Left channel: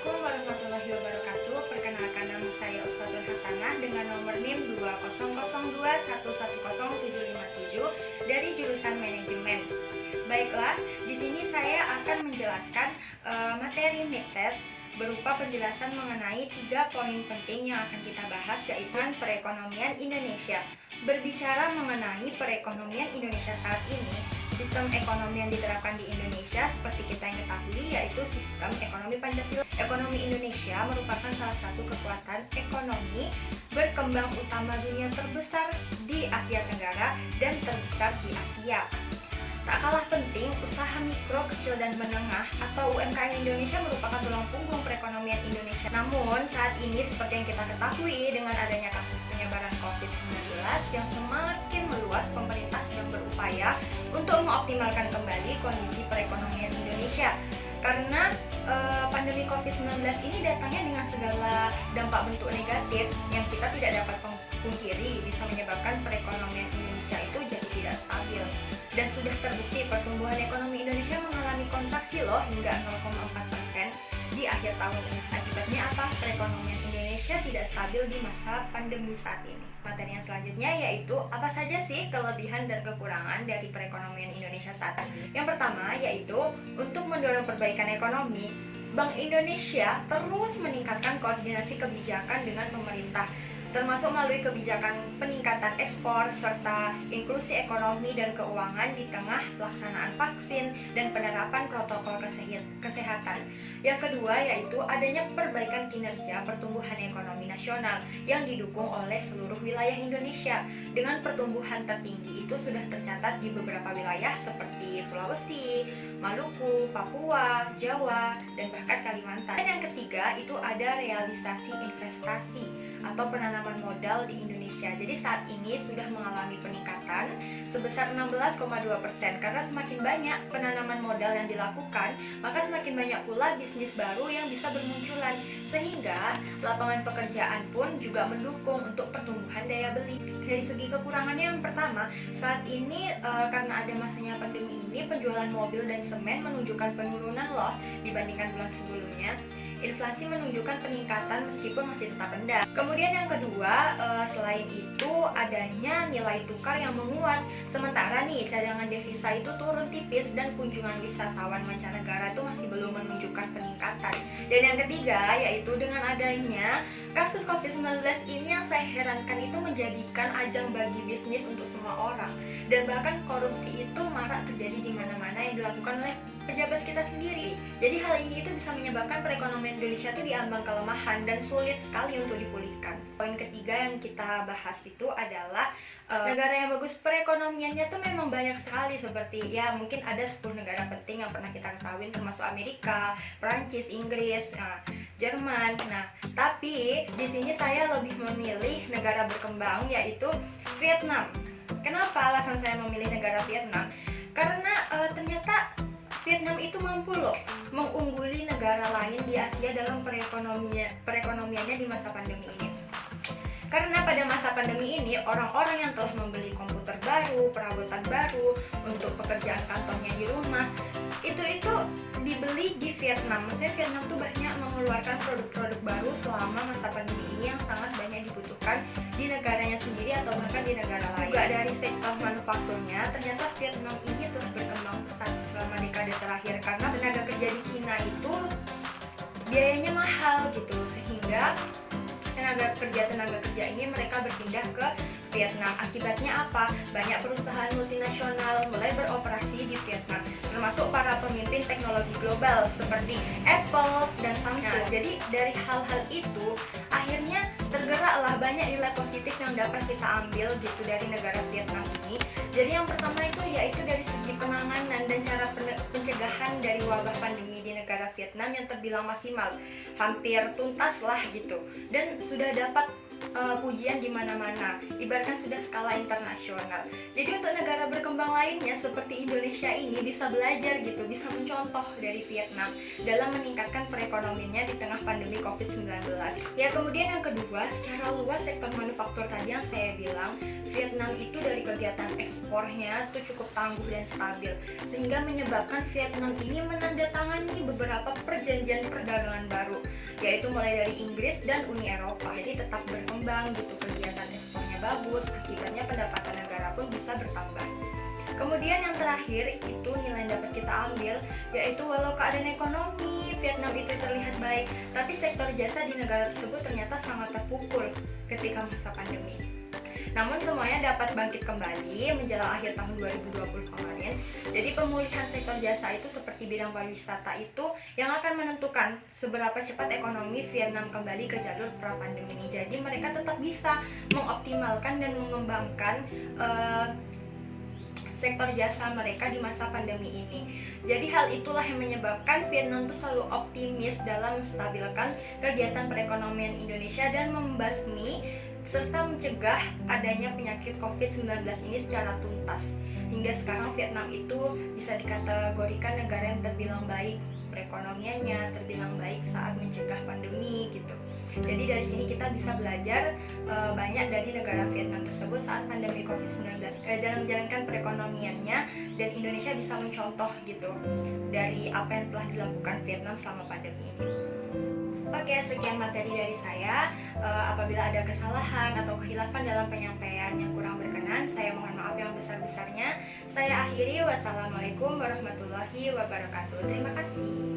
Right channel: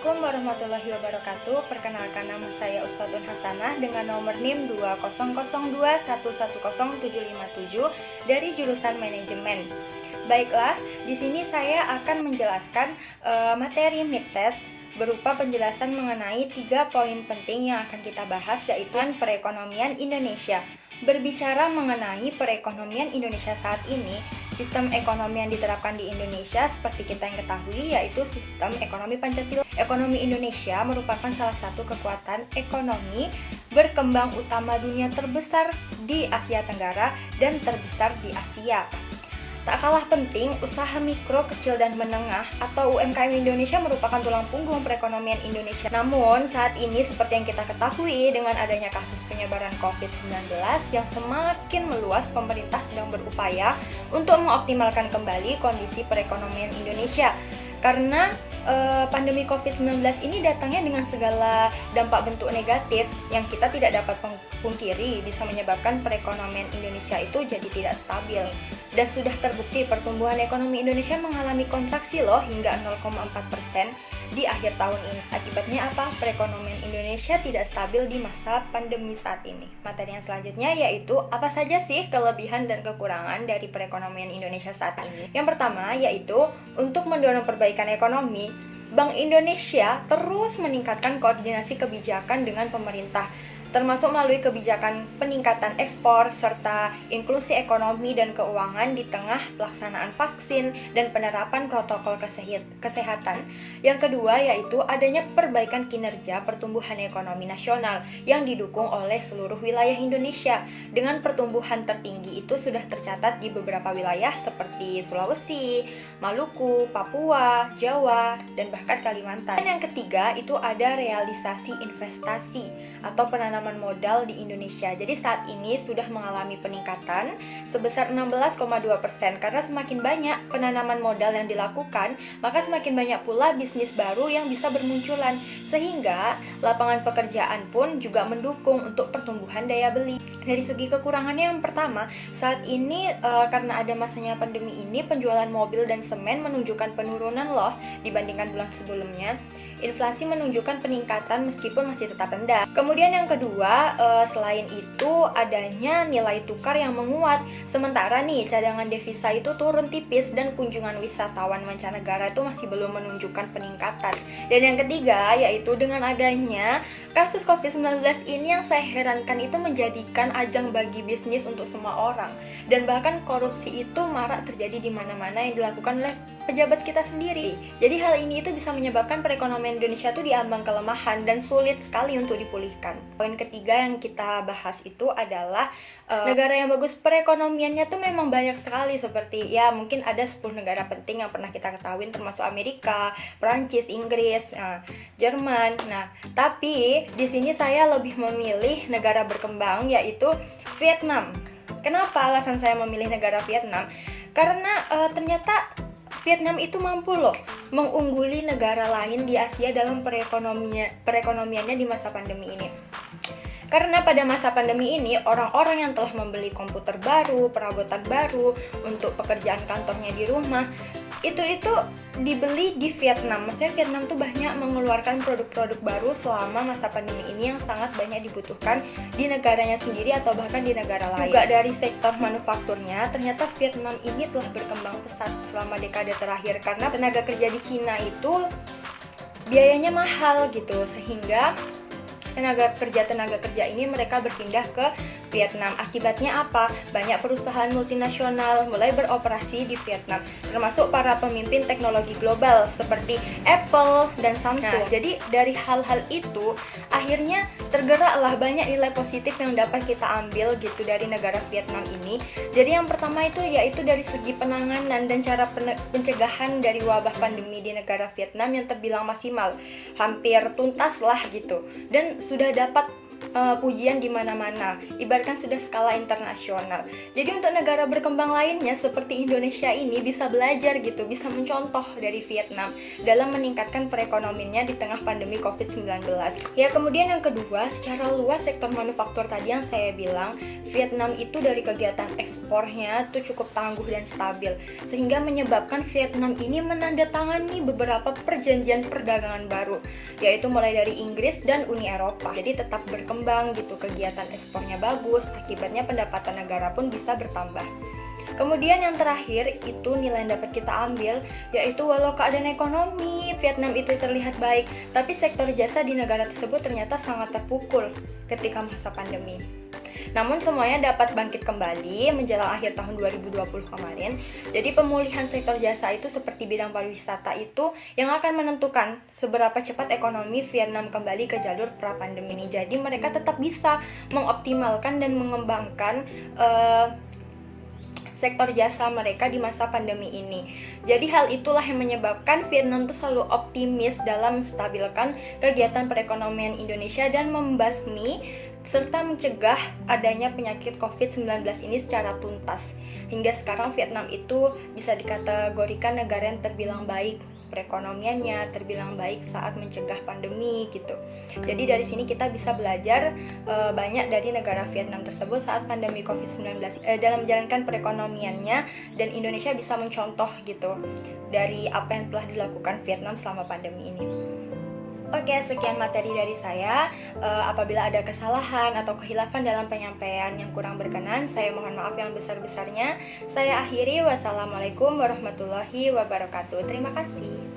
Assalamualaikum warahmatullahi wabarakatuh. Perkenalkan, nama saya Uswatun Hasanah dengan nomor NIM 20021107757 dari jurusan manajemen. Baiklah, di sini saya akan menjelaskan materi mid test berupa penjelasan mengenai 3 poin penting yang akan kita bahas, yaitu perekonomian Indonesia. Berbicara mengenai perekonomian Indonesia saat ini, sistem ekonomi yang diterapkan di Indonesia seperti kita yang ketahui yaitu sistem ekonomi Pancasila. Ekonomi Indonesia merupakan salah satu kekuatan ekonomi berkembang utama dunia terbesar di Asia Tenggara dan terbesar di Asia. Tak kalah penting, usaha mikro, kecil, dan menengah atau UMKM Indonesia merupakan tulang punggung perekonomian Indonesia. Namun, saat ini seperti yang kita ketahui, dengan adanya kasus penyebaran COVID-19 yang semakin meluas, pemerintah sedang berupaya untuk mengoptimalkan kembali kondisi perekonomian Indonesia. Karena pandemi COVID-19 ini datangnya dengan segala dampak bentuk negatif yang kita tidak dapat pungkiri, bisa menyebabkan perekonomian Indonesia itu jadi tidak stabil. Dan sudah terbukti pertumbuhan ekonomi Indonesia mengalami kontraksi loh hingga 0,4% di akhir tahun ini. Akibatnya apa? Perekonomian Indonesia tidak stabil di masa pandemi saat ini. Materi yang selanjutnya yaitu apa saja sih kelebihan dan kekurangan dari perekonomian Indonesia saat ini. Yang pertama yaitu untuk mendorong perbaikan ekonomi, Bank Indonesia terus meningkatkan koordinasi kebijakan dengan pemerintah, termasuk melalui kebijakan peningkatan ekspor serta inklusi ekonomi dan keuangan di tengah pelaksanaan vaksin dan penerapan protokol kesehatan. Yang kedua yaitu adanya perbaikan kinerja pertumbuhan ekonomi nasional yang didukung oleh seluruh wilayah Indonesia. Dengan pertumbuhan tertinggi itu sudah tercatat di beberapa wilayah seperti Sulawesi, Maluku, Papua, Jawa, dan bahkan Kalimantan. Dan yang ketiga itu ada realisasi investasi atau penanaman modal di Indonesia. Jadi saat ini sudah mengalami peningkatan sebesar 16,2%. Karena semakin banyak penanaman modal yang dilakukan, maka semakin banyak pula bisnis baru yang bisa bermunculan, sehingga lapangan pekerjaan pun juga mendukung untuk pertumbuhan daya beli. Dari segi kekurangannya, yang pertama, saat ini karena ada masanya pandemi ini, penjualan mobil dan semen menunjukkan penurunan loh dibandingkan bulan sebelumnya. Inflasi menunjukkan peningkatan meskipun masih tetap rendah. Kemudian yang kedua, selain itu adanya nilai tukar yang menguat. Sementara nih cadangan devisa itu turun tipis dan kunjungan wisatawan mancanegara itu masih belum menunjukkan peningkatan. Dan yang ketiga yaitu dengan adanya kasus COVID-19 ini, yang saya herankan itu menjadikan ajang bagi bisnis untuk semua orang. Dan bahkan korupsi itu marak terjadi di mana-mana yang dilakukan oleh pejabat kita sendiri. Jadi hal ini itu bisa menyebabkan perekonomian Indonesia itu diambang kelemahan dan sulit sekali untuk dipulihkan. Poin ketiga yang kita bahas itu adalah negara yang bagus perekonomiannya tuh memang banyak sekali, seperti ya mungkin ada 10 negara penting yang pernah kita ketahui, termasuk Amerika, Prancis, Inggris, Jerman. Nah, tapi di sini saya lebih memilih negara berkembang yaitu Vietnam. Kenapa alasan saya memilih negara Vietnam? Karena ternyata Vietnam itu mampu loh mengungguli negara lain di Asia dalam perekonomiannya di masa pandemi ini. Karena pada masa pandemi ini, orang-orang yang telah membeli komputer baru, perabotan baru untuk pekerjaan kantornya di rumah, itu dibeli di Vietnam. Maksudnya Vietnam tuh banyak mengeluarkan produk-produk baru selama masa pandemi ini yang sangat banyak dibutuhkan di negaranya sendiri atau bahkan di negara lain. Juga dari sektor manufakturnya, ternyata Vietnam ini telah berkembang pesat selama dekade terakhir, karena tenaga kerja di Cina itu biayanya mahal gitu, sehingga tenaga kerja ini mereka berpindah ke Vietnam. Akibatnya apa? Banyak perusahaan multinasional mulai beroperasi di Vietnam, termasuk para pemimpin teknologi global seperti Apple dan Samsung. Nah, jadi dari hal-hal itu akhirnya tergeraklah banyak nilai positif yang dapat kita ambil gitu dari negara Vietnam ini. Jadi yang pertama itu yaitu dari segi penanganan dan cara pencegahan dari wabah pandemi di negara Vietnam yang terbilang maksimal, hampir tuntas lah gitu, dan sudah dapat pujian di mana-mana, ibaratkan sudah skala internasional. Jadi untuk negara berkembang lainnya seperti Indonesia ini bisa belajar gitu, bisa mencontoh dari Vietnam dalam meningkatkan perekonomiannya di tengah pandemi COVID-19. Ya, kemudian yang kedua, secara luas sektor manufaktur tadi yang saya bilang, Vietnam itu dari kegiatan ekspornya itu cukup tangguh dan stabil, sehingga menyebabkan Vietnam ini menandatangani beberapa perjanjian perdagangan baru, yaitu mulai dari Inggris dan Uni Eropa. Jadi tetap berkembang gitu, kegiatan ekspornya bagus, akibatnya pendapatan negara pun bisa bertambah. Kemudian yang terakhir itu nilai yang dapat kita ambil, yaitu walau keadaan ekonomi Vietnam itu terlihat baik, tapi sektor jasa di negara tersebut ternyata sangat terpukul ketika masa pandemi. Namun semuanya dapat bangkit kembali menjelang akhir tahun 2020 kemarin. Jadi pemulihan sektor jasa itu seperti bidang pariwisata itu yang akan menentukan seberapa cepat ekonomi Vietnam kembali ke jalur pra-pandemi ini. Jadi mereka tetap bisa mengoptimalkan dan mengembangkan sektor jasa mereka di masa pandemi ini. Jadi hal itulah yang menyebabkan Vietnam itu selalu optimis dalam menstabilkan kegiatan perekonomian Indonesia dan membasmi serta mencegah adanya penyakit COVID-19 ini secara tuntas. Hingga sekarang Vietnam itu bisa dikategorikan negara yang terbilang baik perekonomiannya, terbilang baik saat mencegah pandemi gitu. Jadi dari sini kita bisa belajar banyak dari negara Vietnam tersebut saat pandemi COVID-19 dalam menjalankan perekonomiannya, dan Indonesia bisa mencontoh gitu dari apa yang telah dilakukan Vietnam selama pandemi ini. Oke, sekian materi dari saya. Apabila ada kesalahan atau kehilafan dalam penyampaian yang kurang berkenan, saya mohon maaf yang besar-besarnya. Saya akhiri, wassalamualaikum warahmatullahi wabarakatuh. Terima kasih.